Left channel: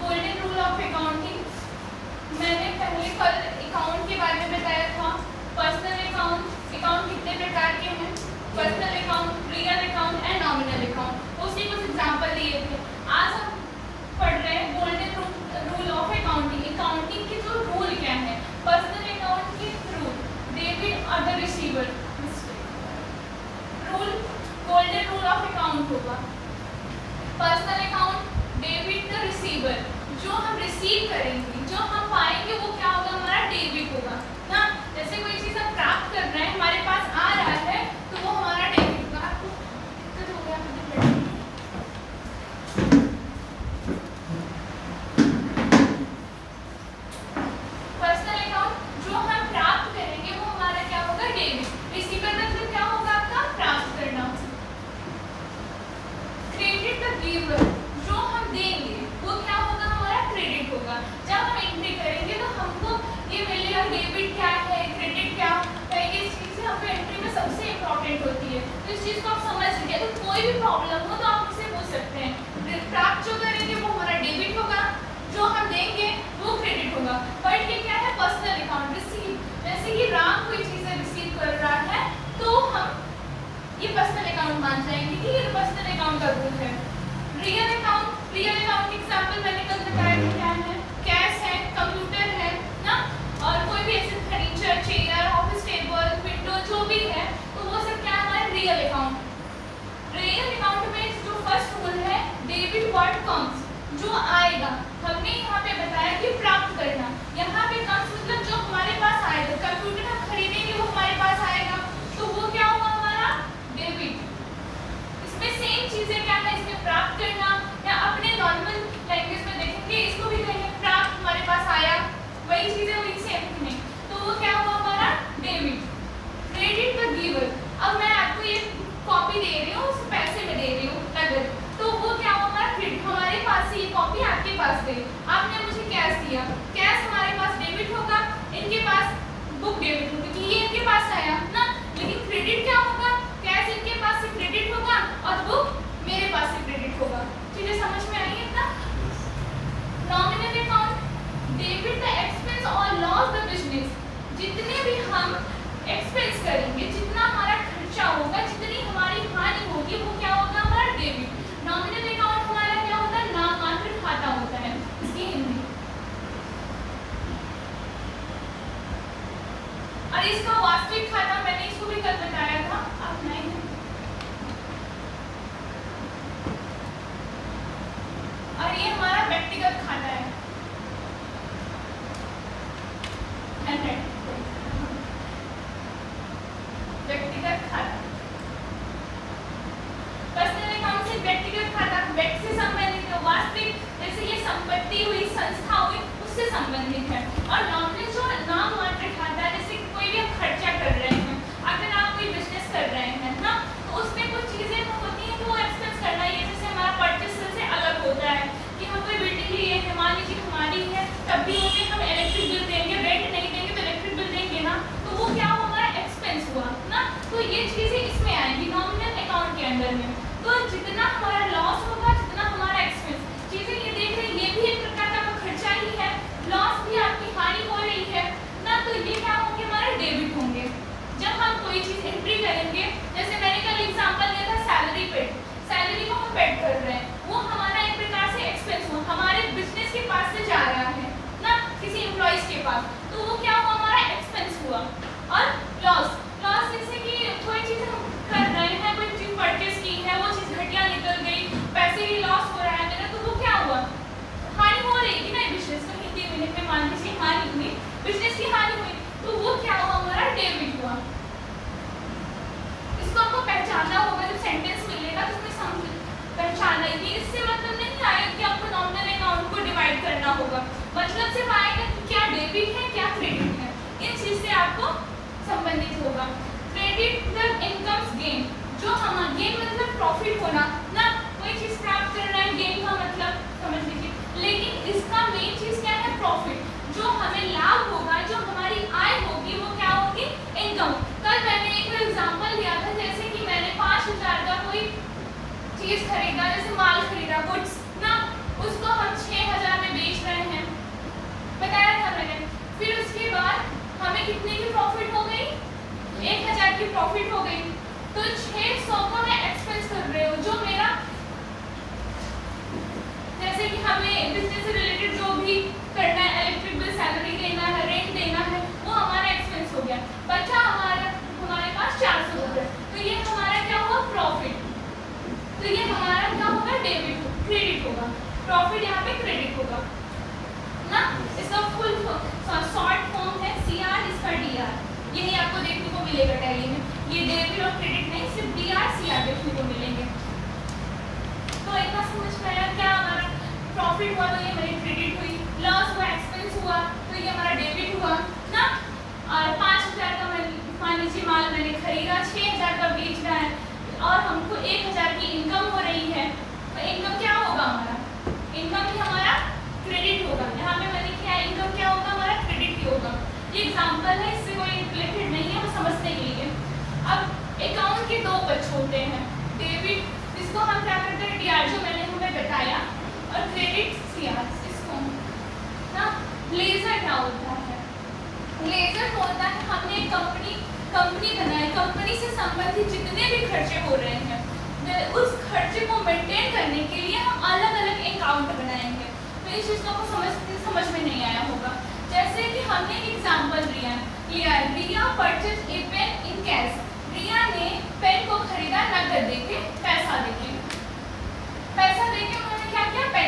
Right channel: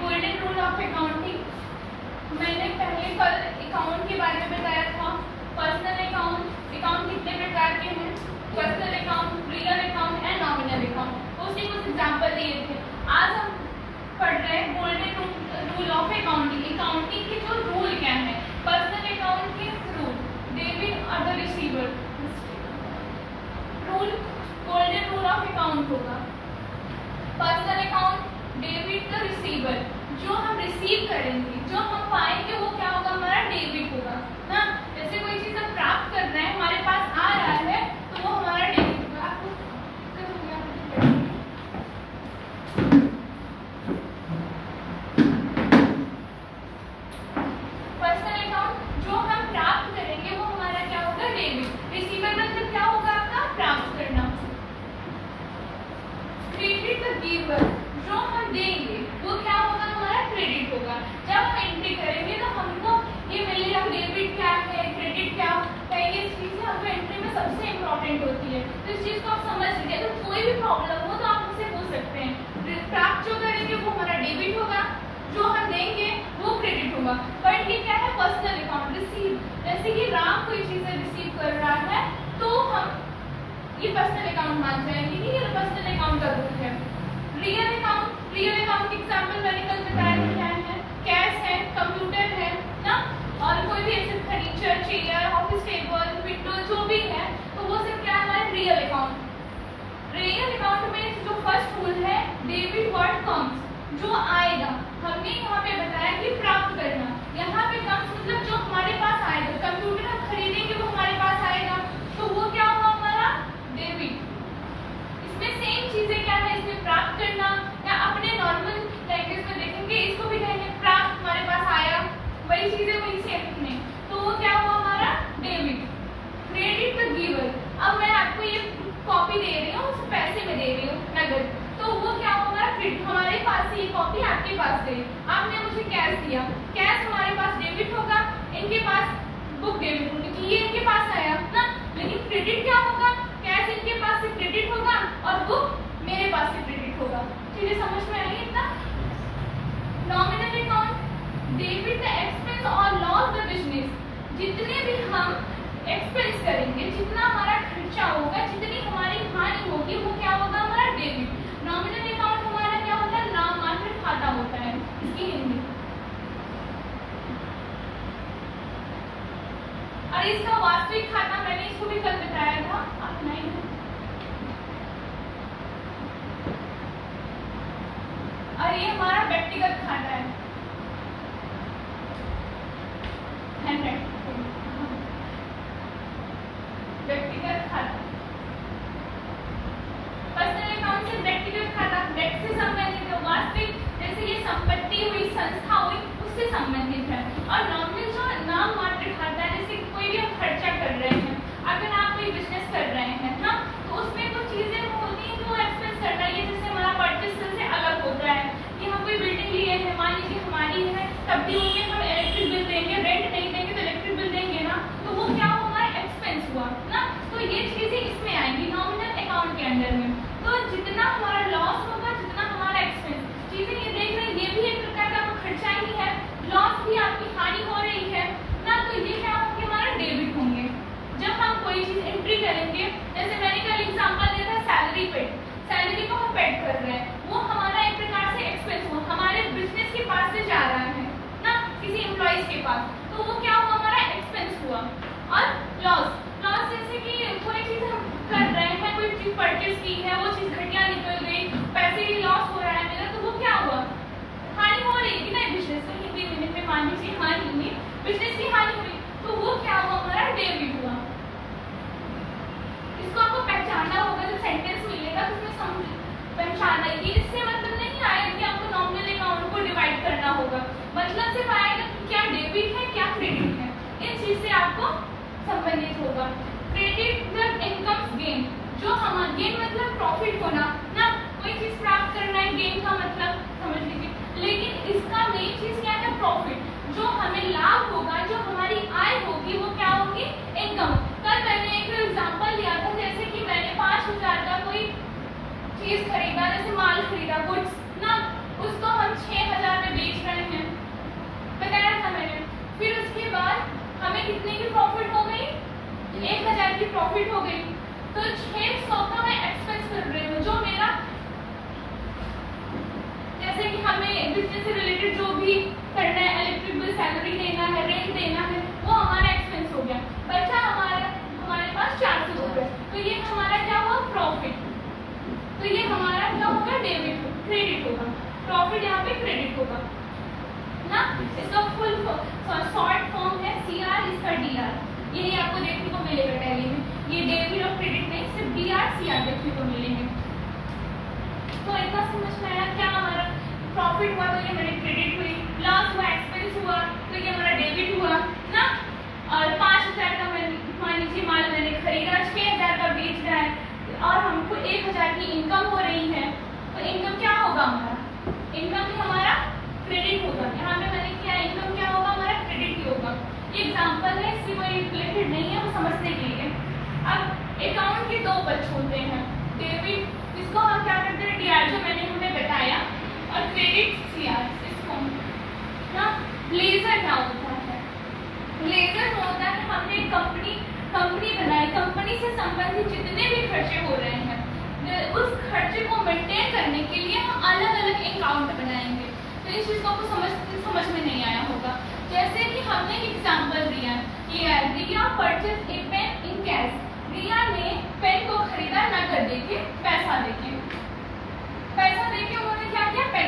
Golden rule of accounting, मैंने पहले कल अकाउंट के बारे में बताया था। पर्सनल अकाउंट, अकाउंट कितने प्रकार के हैं, personal account, real account and nominal account, उसके कुछ एग्जांपल दिए थे। आज हम पढ़ रहे हैं golden rule of accounting, accounting के जो रूल क्या है। पर्सनल अकाउंट के रूल, डेबिट और the receiver rule, golden rule of account होगा। Personal account, debit the receiver, जो हम रिसीव करेंगे, जो हम पाएंगे वो क्या होगा, हमारा डेबिट होगा ना। जैसे कोई चीज़ हम प्राप्त कर रहे हैं, हमारे पास आ रहा है, तो वो हमारा डेबिट होगा। आपको दिक्कत हो गया? पर्सनल अकाउंट जो हम प्राप्त करेंगे वो हमारा क्या होगा, डेबिट। रिसीवर मतलब क्या होगा, आपका प्राप्त करना। क्रेडिट द गिवर, जो हम देंगे वो क्या होगा, हमारा क्रेडिट होगा। जब हम एंट्री करेंगे तो हमको ये मिलेगा डेबिट क्या है, क्रेडिट क्या है, ये चीज़ें हमको एंट्री में सबसे इम्पोर्टेंट होती है। तो इस चीज़ को आप समझ लीजिए, तो कोई भी प्रॉब्लम हो तो आप मुझसे पूछ सकते हैं। प्राप्त जो करेंगे वो हमारा डेबिट होगा, जो हम देंगे वो क्रेडिट होगा। बट ये क्या है, पर्सनल अकाउंट, रिसीव, जैसे कि राम कोई चीज़ें रिसीव कर रहा है तो हम ये पर्सनल अकाउंट मान जाएंगे कि ये पर्सनल अकाउंट का रूल है। Real account, real account example मैंने कल बताया था, क्या है, कैश है, कंप्यूटर है ना, और कोई भी ऐसे furniture, chair, office table, window जो भी है, तो वो सब क्या है, हमारे रियल अकाउंट। रियल अकाउंट में जो फर्स्ट रूल है, डेबिट व्हाट कम्स, जो आएगा। हमने यहाँ पे बताया कि प्राप्त करना, यहाँ पे कम्स मतलब जो हमारे पास आएगा। कंप्यूटर हम खरीदेंगे वो हमारे पास आएगा, तो वो क्या हुआ, हमारा डेबिट। इसमें सेम चीजें क्या है, इसमें प्राप्त करना, या अपने नॉर्मल लैंग्वेज में देखेंगे इसको भी कहेंगे प्राप्त, हमारे पास आया, वही चीजें वही सेम नहीं, तो वो क्या हुआ, हमारा डेबिट। क्रेडिट द गिवर, अब मैं आपको ये कॉपी दे रही हूँ, पैसे में दे रही हूँ नगद, तो वो क्या हुआ, हमारा क्रेडिट। हमारे पास ये कॉपी आपके पास गई, आपने मुझे कैश दिया, कैश हमारे पास डेबिट होगा, इनके पास बुक डेबिट होगी, क्योंकि ये इनके पास आया ना। लेकिन क्रेडिट क्या होगा, कैश इनके पास से क्रेडिट होगा और बुक मेरे पास से क्रेडिट होगा। चीजें समझ में आई इतना? Nominal account, debit the expense और लॉस द बिजनेस, जितने भी हम एक्सपेंस करेंगे, जितना हमारा खर्चा होगा, जितनी हमारी हानि होगी, वो क्या होगा, हमारा डेबिट। नॉमिनल अकाउंट हमारा क्या होता है, नाममात्र खाता होता है, इसकी हिंदी। और इसका वास्तविक खाता मैंने इसको भी कल बताया था, आप नहीं। और ये हमारा व्यक्तिगत खाता है, व्यक्तिगत खाता। पर्सनल अकाउंट से व्यक्तिगत खाता, व्यक्ति से संबंधित है। वास्तविक जैसे ये संपत्ति हुई, संस्था हुई, उससे संबंधित है। और नॉमिनल जो नाम मात्र खाता है, जैसे कोई भी आप खर्चा कर रहे हैं, अगर आप कोई बिजनेस कर रहे हैं ना, तो उसमें कुछ चीजें होती हैं तो एक्सपेंस करना, ये जैसे हमारा परचेस से अलग होता है कि हम कोई बिल्डिंग लिए हैं, मान लीजिए हमारी है, तब भी होंगे हम इलेक्ट्रिक बिल देंगे, रेंट नहीं देंगे तो इलेक्ट्रिक बिल देंगे ना, तो वो क्या होगा, एक्सपेंस हुआ ना। तो ये चीजें इसमें आएंगी नॉमिनल अकाउंट के अंडर में। तो जितना हमारा लॉस होगा, जितना हमारा एक्सपेंस, चीजें ये देख रहे हैं, ये भी एक प्रकार का खर्चा ही है, लॉस भी आपकी हानि हो रही है ना, तो ये क्या होंगे, हमारा डेबिट होंगे। जब हम कोई चीज एंट्री करेंगे, जैसे मैंने कल एग्जांपल दिया था सैलरी पेड, सैलरी को हम पेड कर रहे हैं, वो हमारा एक प्रकार से एक्सपेंस हुआ, हमारे बिजनेस के पास से जा रहा है ना, किसी एम्प्लॉइज के पास, तो वो क्या हुआ, हमारा एक्सपेंस हुआ। और लॉस, लॉस जैसे कि कोई चीज हम कर रहे हैं, कोई चीज परचेस की है, वो चीज घटिया निकल गई, पैसे की लॉस हो रहा है मेरा, तो वो क्या हुआ, हानि हो रही है ना बिजनेस में। हिंदी में मान लीजिए हानि हुई, बिजनेस की हानि हुई, तो वो क्या हुआ, हमारा डेबिट हुआ। इसको आपको पहचानना होगा, जब सेंटेंस मिलेगा तो उसमें समझ पहचानना ही। इससे मतलब नहीं आएगा कि आपको नॉमिनल अकाउंट को डिवाइड करना होगा, मतलब सिर्फ आएगा कि क्या डेबिट है क्या क्रेडिट है, इन चीज से आपको संबंधित होगा। क्रेडिट द इनकम्स गेन, जो हमारा गेन मतलब प्रॉफिट होना ना, कोई चीज प्राप्त करना है, गेन का मतलब समझ लीजिए, लेकिन इसका मेन चीज क्या है, प्रॉफिट, जो हमें लाभ होगा, जो हमारी आय होगी, वो क्या होगी, इनकम। कल मैंने एक एग्जांपल दिया था, जैसे कि मैंने 5000 का कोई चीज खरीदा, जैसे माल खरीदा, गुड्स ना, उसको हम 6000 में कितने की प्रॉफिट हो गई, 1000 की प्रॉफिट हो गई। तो 600 का मैं एक्सपेंस कर रही हूँ, जो मेरा जैसे कि हमें बिजनेस से रिलेटेड जो भी करना है, इलेक्ट्रिक बिल, सैलरी देना है, रेंट देना है, वो हमारा एक्सपेंस हो गया। बचा हमारे पास 400 रुपये, तो ये हमारा क्या हुआ, प्रॉफिट। तो ये हमारा क्या होगा, डेबिट, क्रेडिट होगा। प्रॉफिट यहाँ पे क्रेडिट होगा ना। इसका फुल शॉर्ट फॉर्म है CR, इसका DR। यही आपको देखने को मिलेगा टैली में, ये डेबिट और क्रेडिट नहीं, सिर्फ DR CR देखने को मिलेंगे। तो इतना समझ में आया, क्या हमारा प्रॉफिट हुआ तो ये हमारी क्रेडिट हुई, लॉस हुआ, एक्सपेंस हुआ तो ये हमारा डेबिट हुआ ना। और 5000 का मान लीजिए माल मैंने खरीदा, 6000 का बेच रहा है और हमको 1000 की इनकम हो रही है, तो इनकम क्या होगा हमारा, इनकम ही हमारा क्रेडिट होगा। यहाँ पे मैंने किया इनकम क्या होगा, हमारा क्रेडिट ही होगा। ये एग्जांपल है, इससे कोई रिलेटेड नहीं है, वो समझने के लिए। अब अकाउंट के दो पक्ष होते हैं, डेबिट, इसको हम क्या करते हैं, DR जो मैंने हमें बताया, और क्रेडिट CR, इसको ना। लेजर क्या होता है, लेजर होता है हमने कंपनी बनाई, कंपनी से संबंधित जितने भी खर्चे हो रहे हैं, उस खर्चे को मेंटेन करने के लिए हम अलग अलग अकाउंट बनाएंगे। तो इस चीज़ को आपको समझ में नहीं आया होगा। जैसे कि हमने एग्जांपल लिया Riya purchase a pen in cash. Riya ने पेन को खरीदा नकद देके, पैसा देके उन्होंने क्या किया, पेन